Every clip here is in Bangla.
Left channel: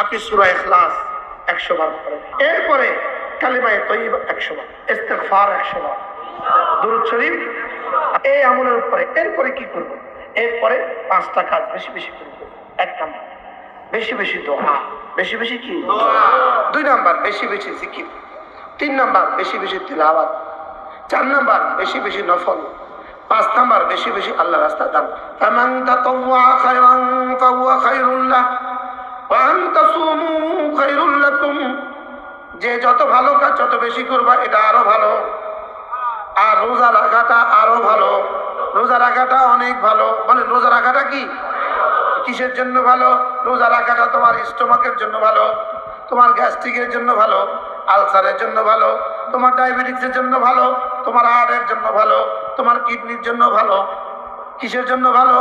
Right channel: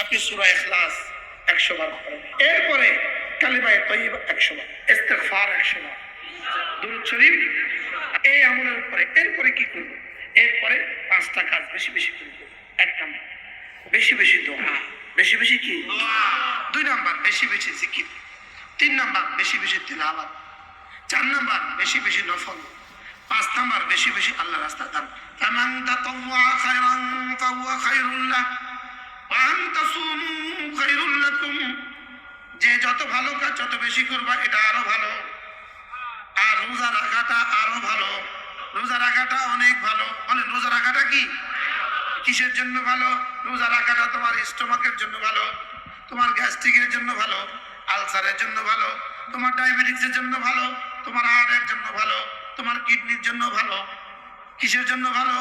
আপনি সূরা ইখলাস 100 বার পড়েন, এরপরে কালিমায়ে তয়্যিবা 100 বার, ইস্তিগফার 100 বার, দুরূদ শরীফ। এই আমলের উপরে এরপরে কি করব? এরপরে 5টা কাজ বেশি বেশি করব। 1 নাম্বার বেশি বেশি দোয়া, বেশি বেশি কি দোয়া। 2 নাম্বার বেশি বেশি জিকির। 3 নাম্বার বেশি বেশি তিলাওয়াত। 4 নাম্বার বেশি বেশি নফল। 5 নাম্বার বেশি বেশি আল্লাহর রাস্তায় দান। ফামান তাতাওয়া খায়রান ফাহুয়া খায়রুল লাহ ওয়া আন তাসুমু খায়রুল লাকুম। যে যত ভালো কাজ যত বেশি করবা এটা আরো ভালো। আর রোজা রাখাটা আরো ভালো। রোজা রাখাটা অনেক ভালো। বলেন রোজা রাখাটা কি কিসের জন্য ভালো? রোজা রাখাটা তোমার স্টোমাকের জন্য ভালো, তোমার গ্যাস্ট্রিকের জন্য ভালো, আলসারের জন্য ভালো, তোমার ডায়াবেটিসের জন্য ভালো, তোমার হার্টের জন্য ভালো, তোমার কিডনির জন্য ভালো। কিসের জন্য ভালো?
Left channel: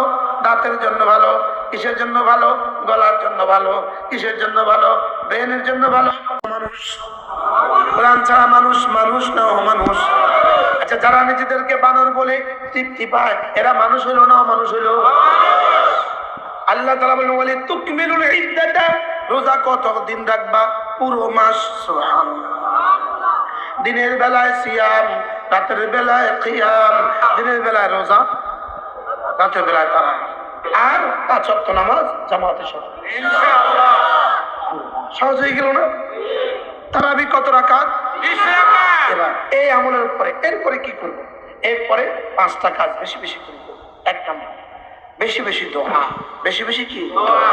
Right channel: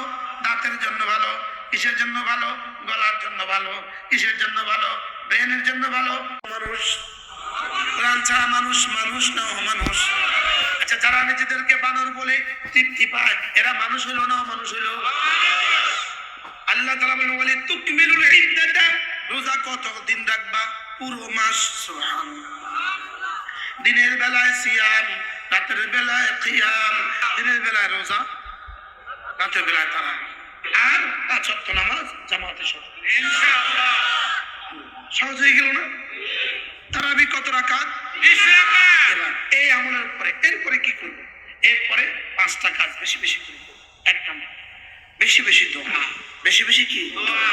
দাঁতের জন্য ভালো। কিসের জন্য ভালো? গলার জন্য ভালো। কিসের জন্য ভালো? ব্রেনের জন্য ভালো। মানুষ কোরআন ছাড়া মানুষ মানুষ না অমানুষ। আচ্ছা, যারা নিজেদেরকে বানর বলে তৃপ্তি পায় এরা মানুষ হইলো না অমানুষ হইলো? আল্লাহ তাআলা বলেন ওয়ালি তুকমিলুল ইদ্দাতা, রোজা কত দিন রাখবা? পুরো মাস। সুবহানাল্লাহ। দিনের বেলায় সিয়াম, রাতের বেলায় কিয়াম। দিনের বেলায় রোজা, রাতের বেলায় তারাবি, আর 5 ওয়াক্ত নামাজ জামাতের সাথে ইনশাআল্লাহ। সহজ হয়ে গেল না? তারাবি কত রাকাত? 20 রাকাত। এবার এই আমলের উপরে এরপরে কি করব? এরপরে 5টা কাজ বেশি বেশি করব। 1 নাম্বার বেশি বেশি দোয়া, বেশি বেশি কি দোয়া।